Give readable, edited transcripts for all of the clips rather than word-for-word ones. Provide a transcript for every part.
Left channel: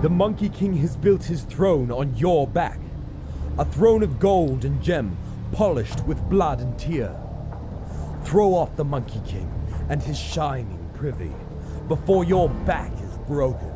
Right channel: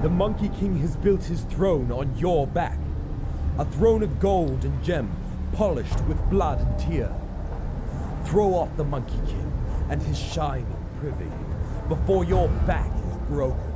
The Monkey King has built his throne on your back. A throne of gold and gem, polished with blood and tear. Throw off the Monkey King and his shining privy before your back is broken.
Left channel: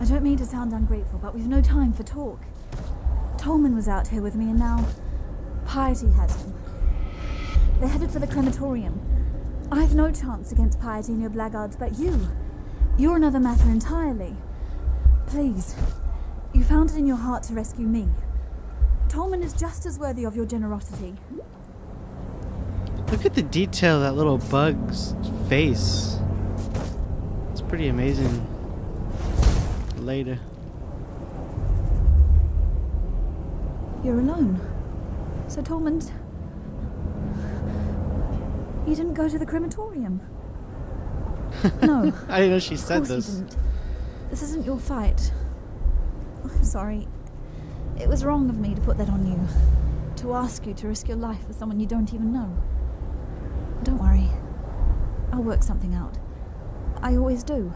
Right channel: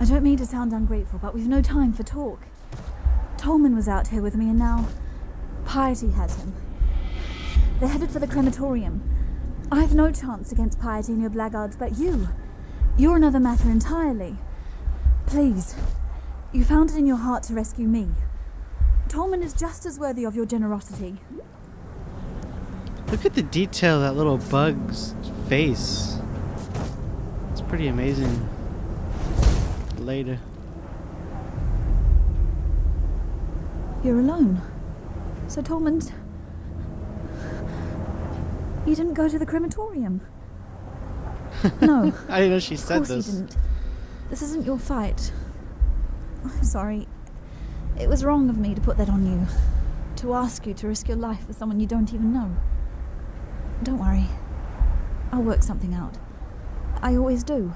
I don't mean to sound ungrateful, but we've no time for talk. Tolman was out here with me and now Piety has him. They're headed for the crematorium. I've no chance against Piety and your blackguards, but you're another matter entirely. Please, you found it in your heart to rescue me. Tolman is just as worthy of your generosity. You're alone. So Tolman's... You didn't go to the crematorium? No, of course you didn't. This isn't your fight. I'm sorry. It was wrong of me to put that on you. To ask you to risk your life for someone you don't even know. Don't worry. I'll work something out. I always do.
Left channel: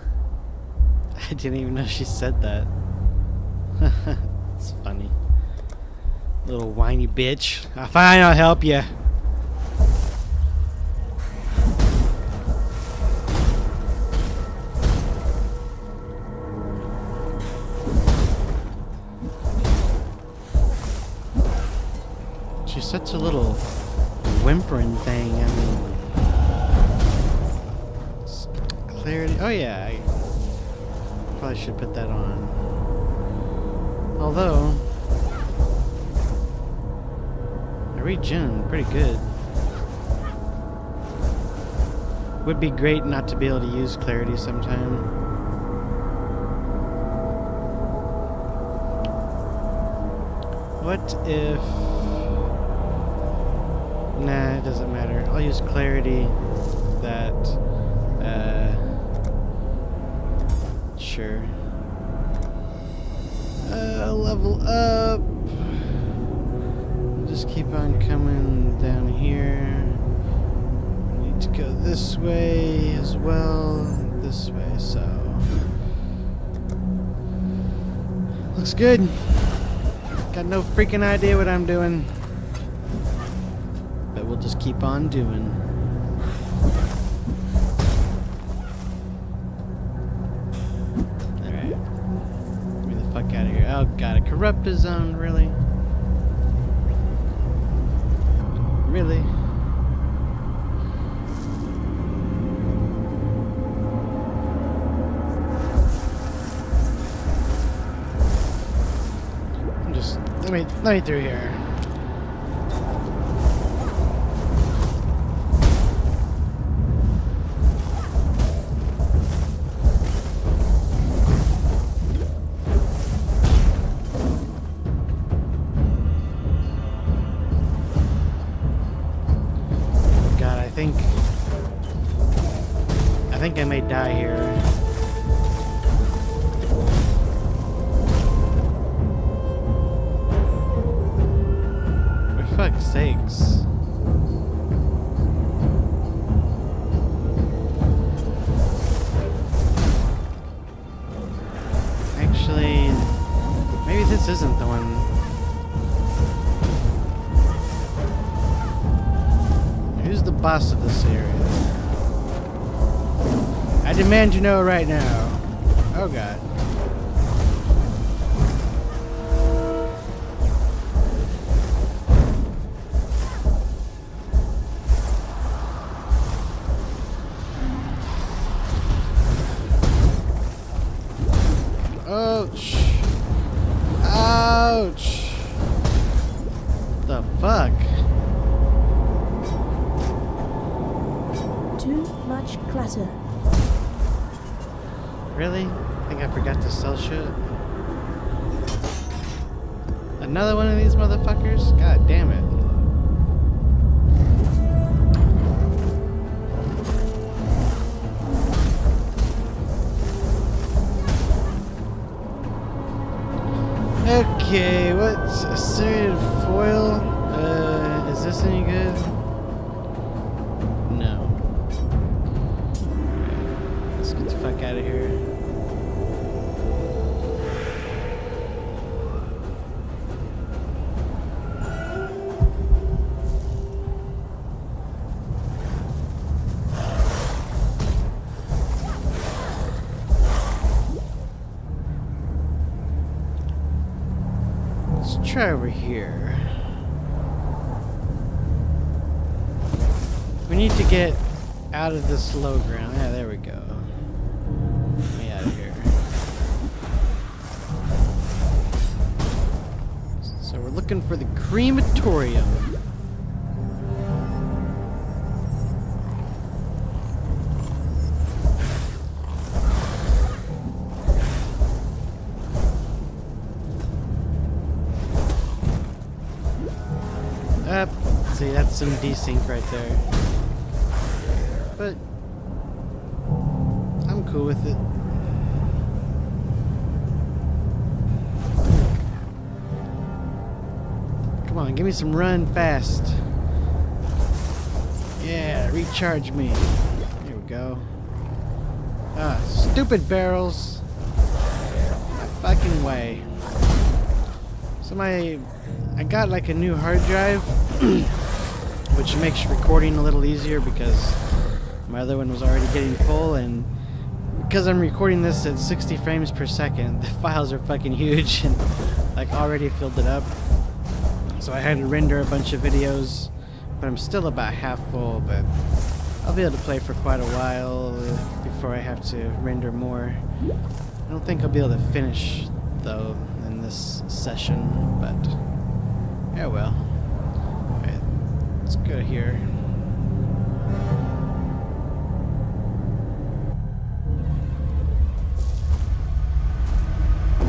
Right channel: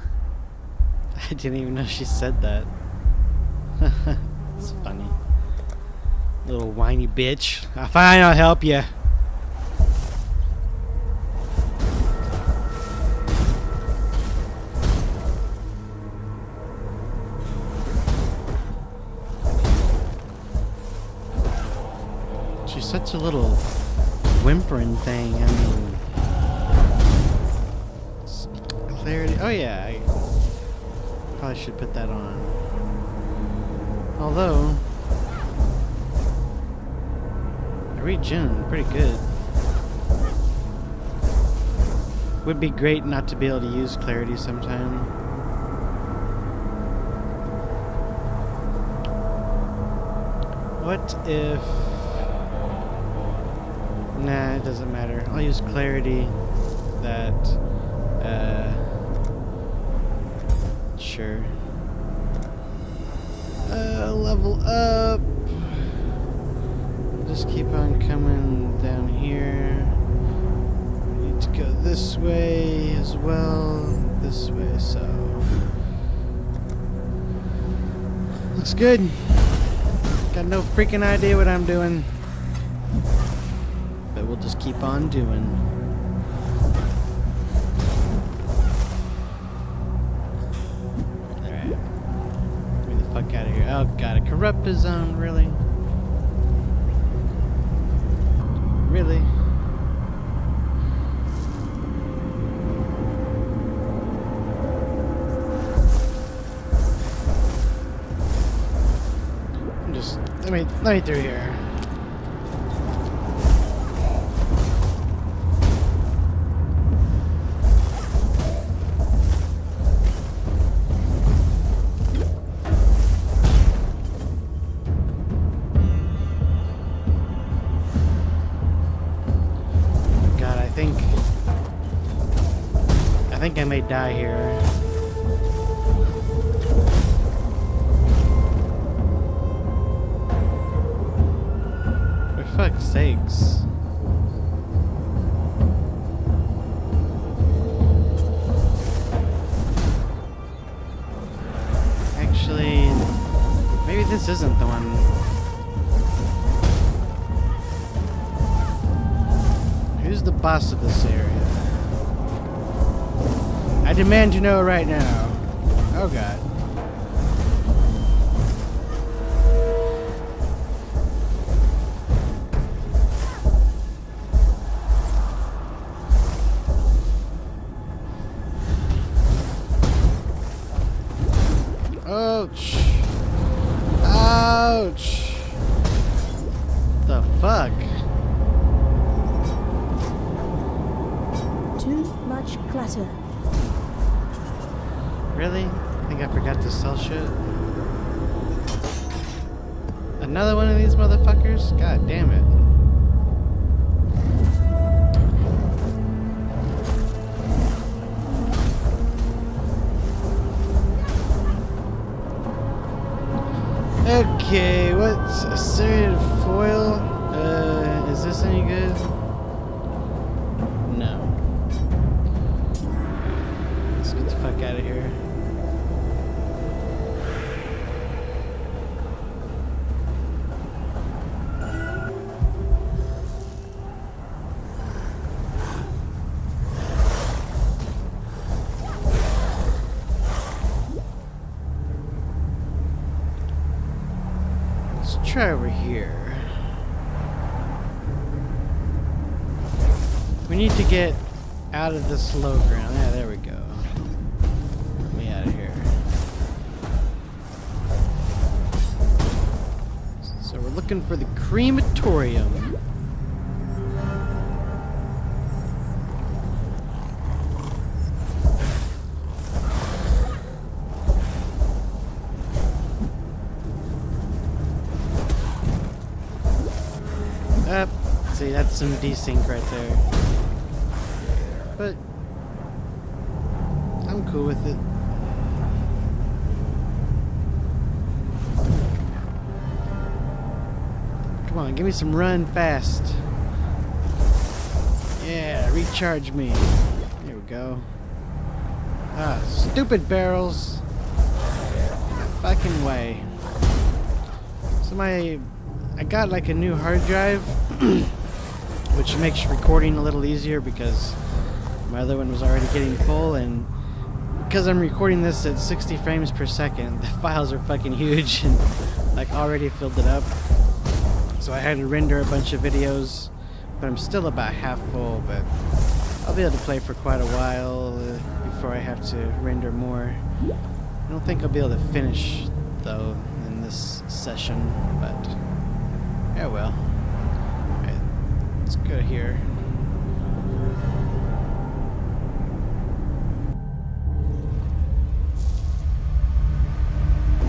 Too much clutter.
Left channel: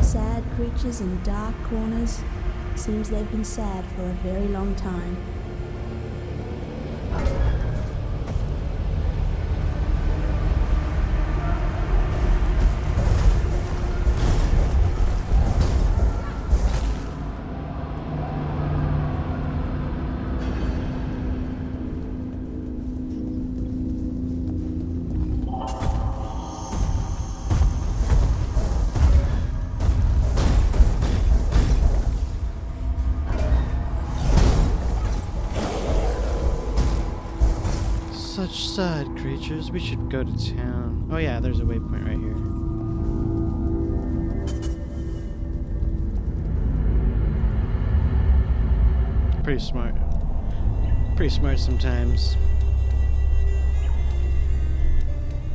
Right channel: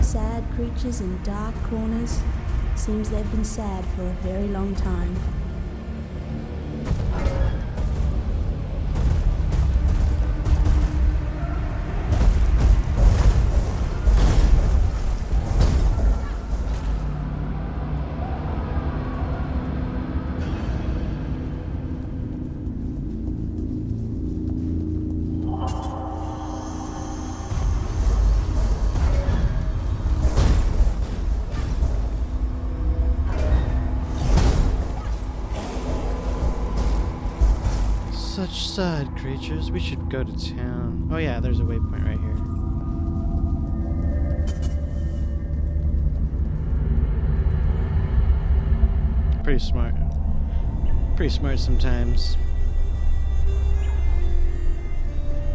Sad creatures in dark corners. Seems they've been sad for a very long time.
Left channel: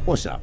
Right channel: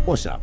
What's up?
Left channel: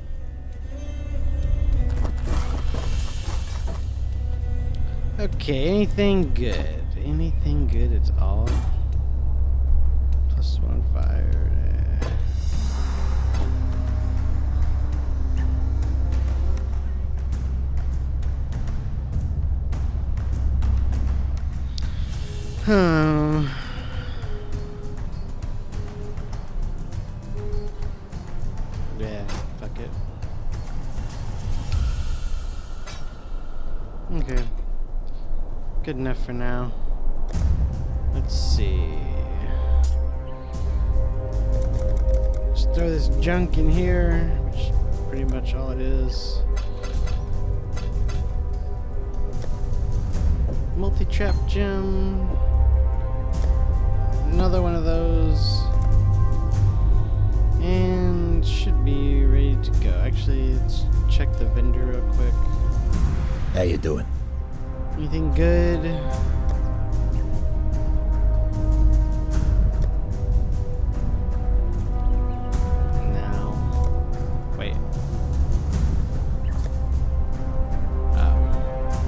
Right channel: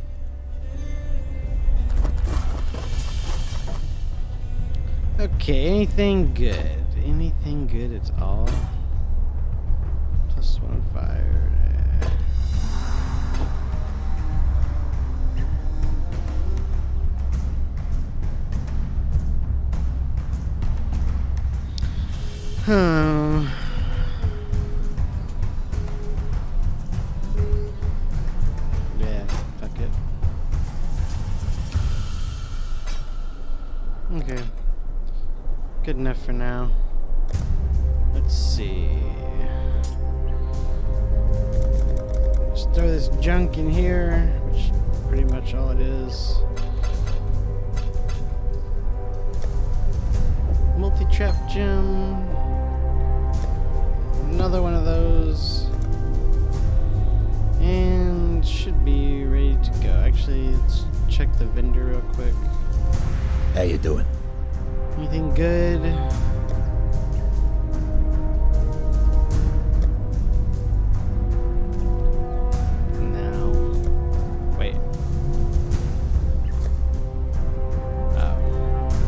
How you doing?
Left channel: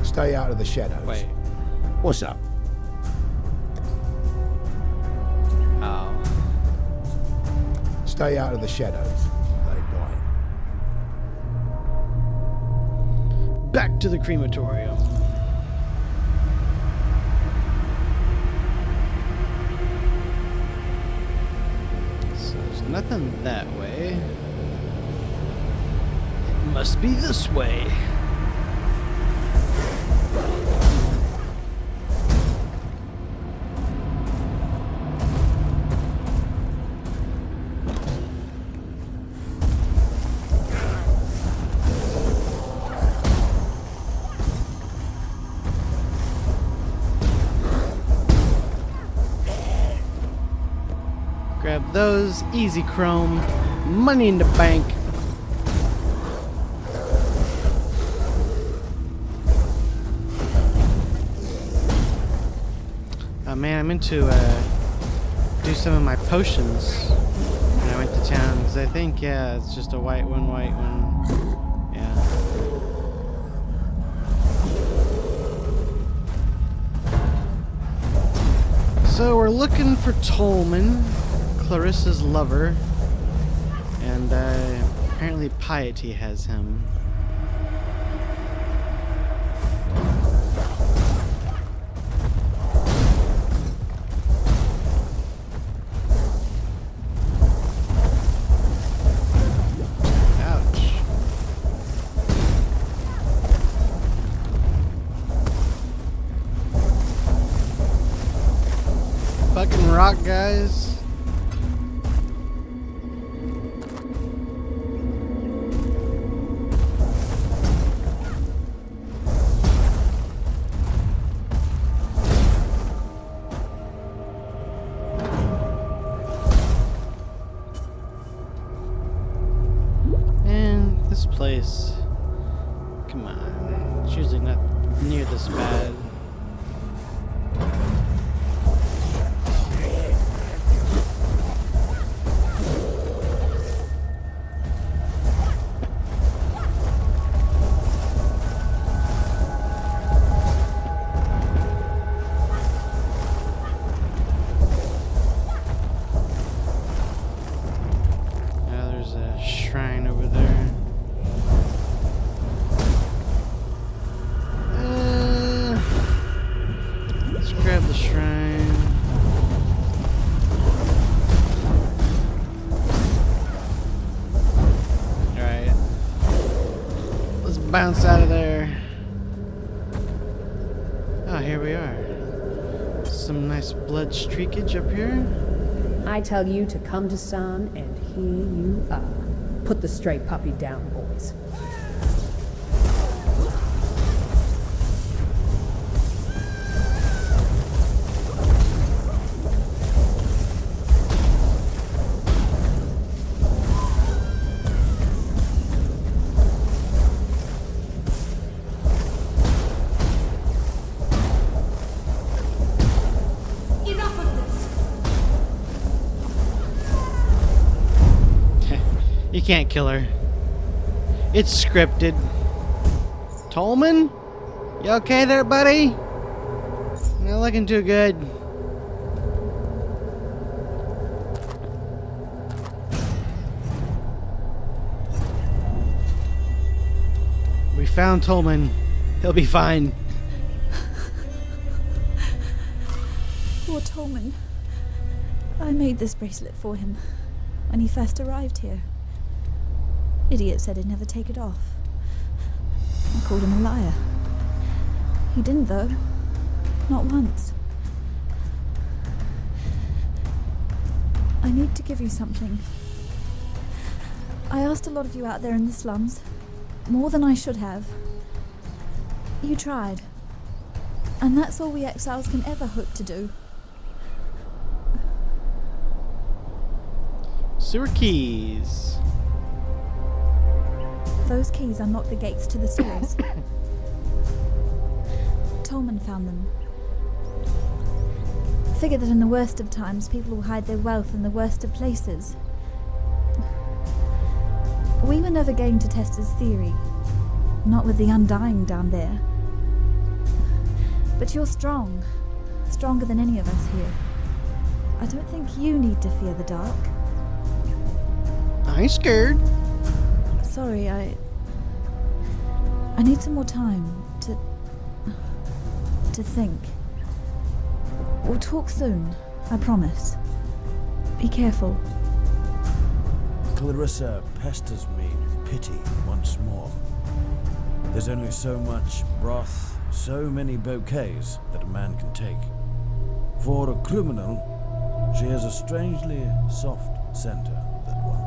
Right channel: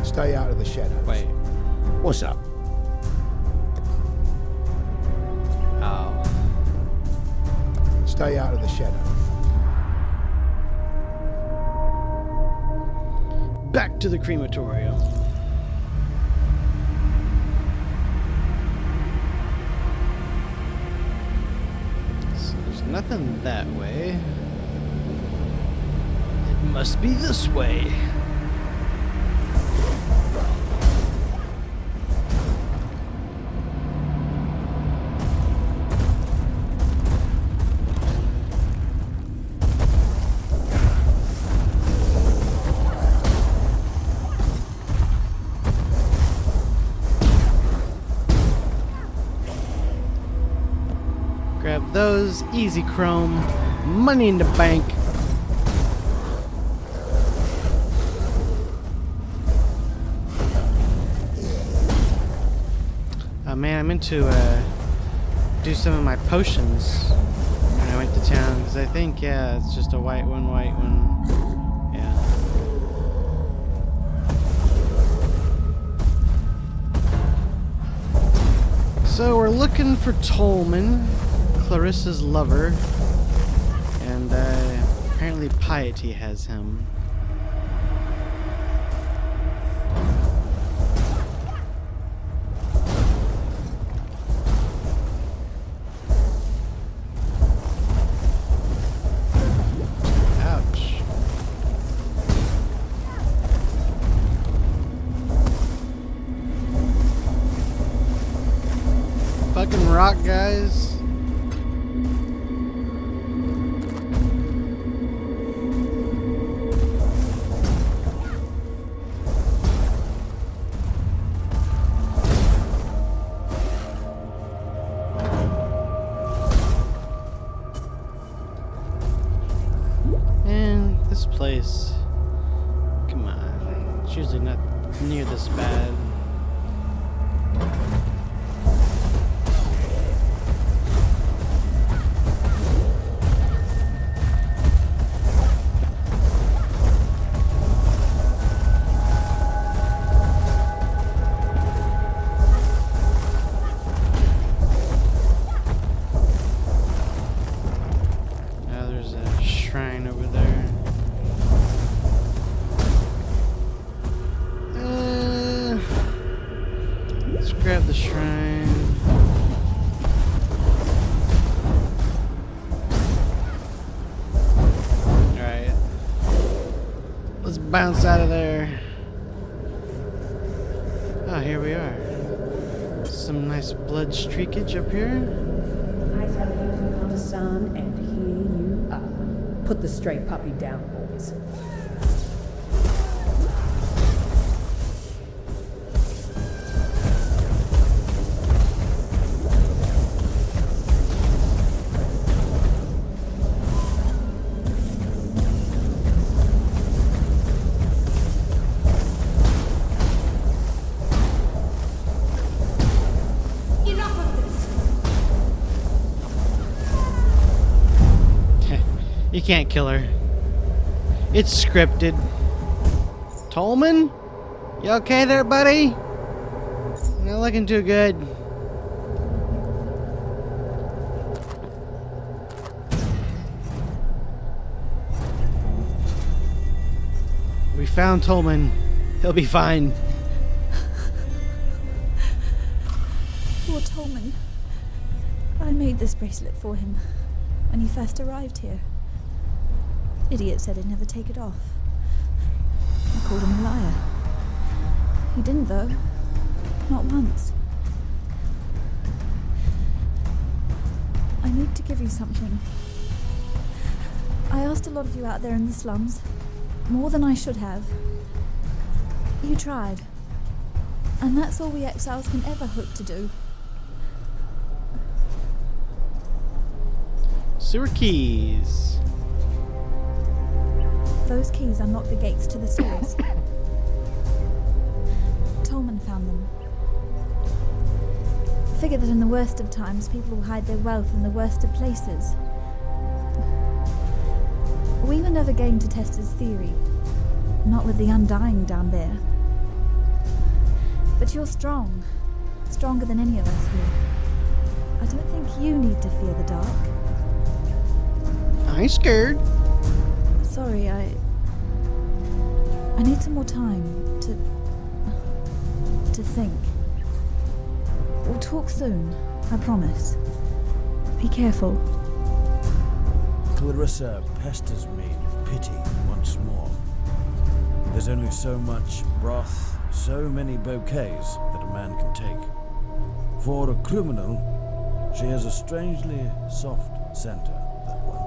Stay out of the shadows. What's up? Stay out of the shadows. Let it die. I tell you to come to San, and here you are. Put the stray puppy down, boys. Enough of this! Poor Tolman. I made this bracelet for him when he first arrived here. Idiot said he'd never take it off. I called him a liar. He didn't, though. Not once. I need to give you something. I asked a lot of you out there in the slums. More than I should have. You tried. And that's all we exiles can ever hope to do. Those keys unlock the gates to the sewers. Tolman found them. Figure that in the worst of times, people will hide their wealth in the worst of places. We were never game to test his theory. Not with the Undying down there. But you're strong. Stronger than any of us here. I don't think you need to fear the dark. sorry, I need some more time to think. We'll talk soon, I promise. Be careful. Clarissa pesters me with pity once more. There's only so much broth, so many bouquets that a man can take. For a criminal, she has a strangely soft center, that one.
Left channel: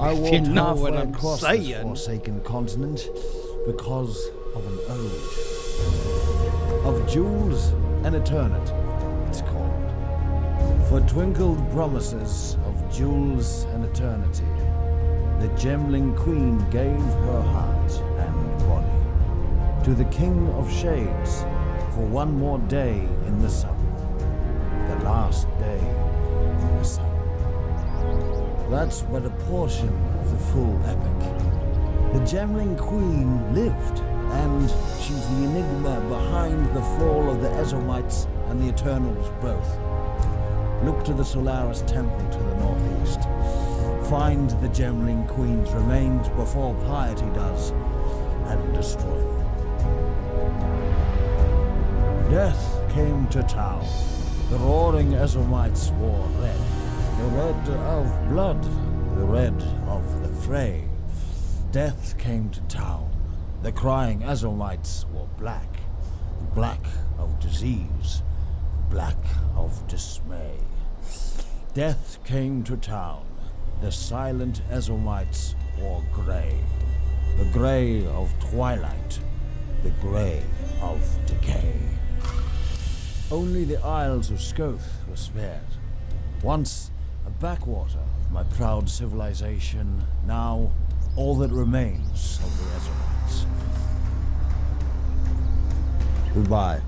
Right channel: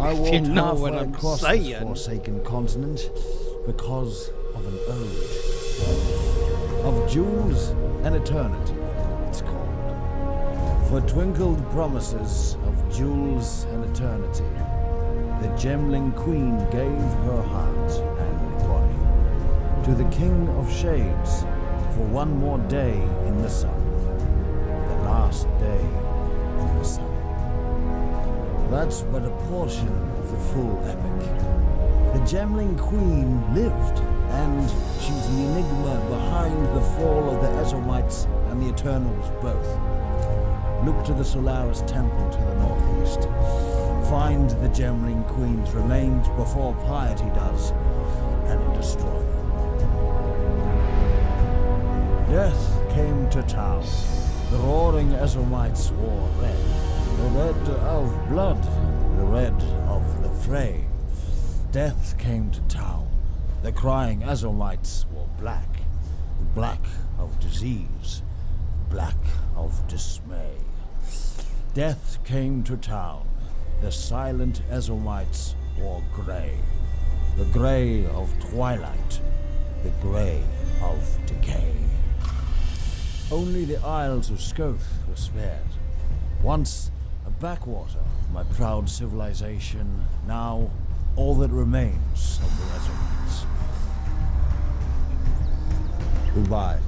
I walked halfway across this forsaken continent because of an ode. Of jewels and eternity, it's called. For twinkled promises of jewels and eternity, the Gemling Queen gave her heart and body to the King of Shades for one more day in the sun, the last day in the sun. That's but a portion of the full epic. The Gemling Queen lived, and she's the enigma behind the fall of the Ezomites and the Eternals both. Look to the Solaris Temple to the northeast. Find the Gemling Queen's remains before piety does, and destroy them. Death came to town. The roaring Ezomites wore red. The red of blood, the red of the fray. Death came to town. The crying Ezomites wore black. The black of disease, the black of dismay. Death came to town. The silent Ezomites wore grey. The grey of twilight, the grey of decay. Only the Isles of Scoth were spared. Once a backwater of my proud civilization, now all that remains of the Ezomites. Goodbye.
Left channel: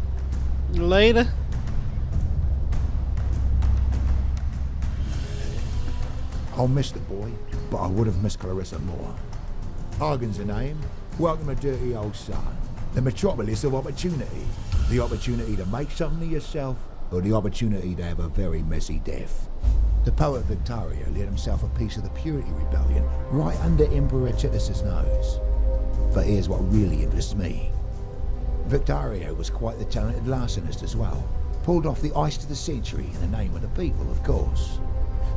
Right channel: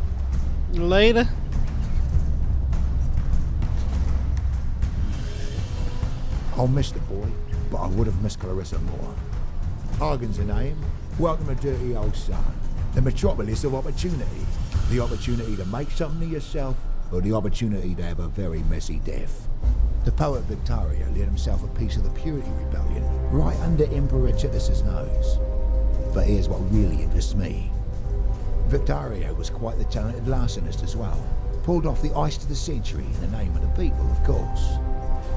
I'll miss the boy, but I would have missed Clarissa more. Argan's her name. Welcome to Dirty Old Sun, the metropolis of opportunity. The opportunity to make something of yourself, or the opportunity to have a very messy death. The poet Victario lit himself a piece of the Purity Rebellion right under Emperor Titus's nose. But here's what really interests me. Victario was quite the talented larcenist as well. Pulled off the heist of the century in the name of the people, of course.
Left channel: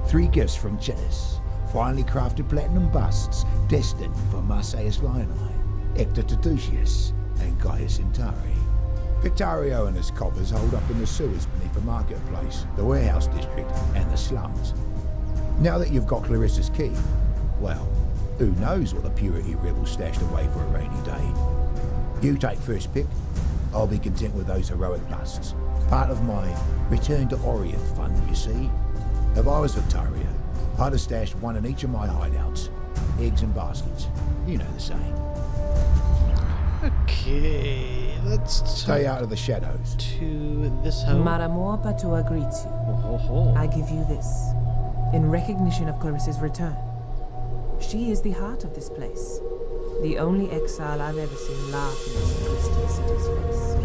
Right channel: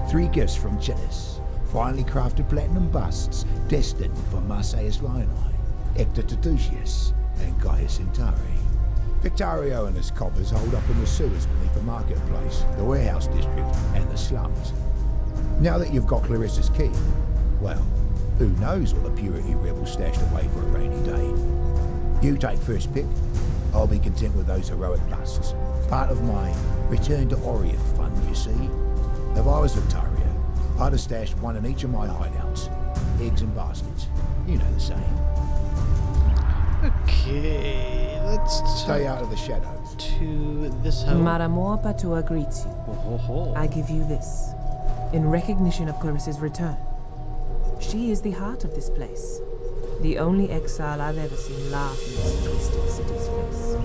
3 gifts from Titus, finely crafted platinum busts destined for Marsyas Lionii, Hector Titusius, and Gaius Centauri. Victario and his coppers hold up in the sewers beneath the marketplace, the warehouse district, and the slums. Now that you've got Clarissa's key, well, who knows what the Purity rebels stashed away for a rainy day. You take first pick. I'll be content with those heroic busts. Part of my Return to Oriath fund, you see. If I was Victario, I'd have stashed one in each of my hideouts. Eggs and baskets. You know the saying. Stay out of the shadows. Maramor Patua greets you. I give you this, in recognition of Clarissa's return. She is the heart of this place, the only exile I've ever seen laugh in this twisted city's face.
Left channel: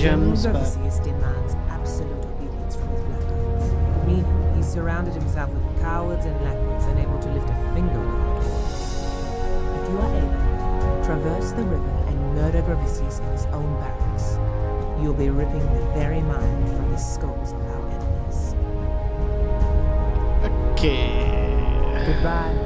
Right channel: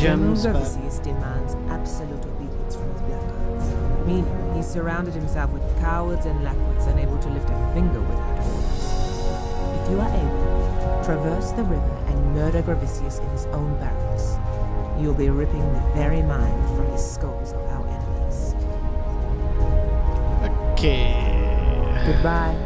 General Gravisius demands absolute obedience from his blackguards, meaning he's surrounded himself with cowards and lackwoods unable to lift a finger without orders. If you are able, traverse the river and murder Gravisius in his own barracks. You'll be ripping the very mind from the skulls of our enemies. Goodbye.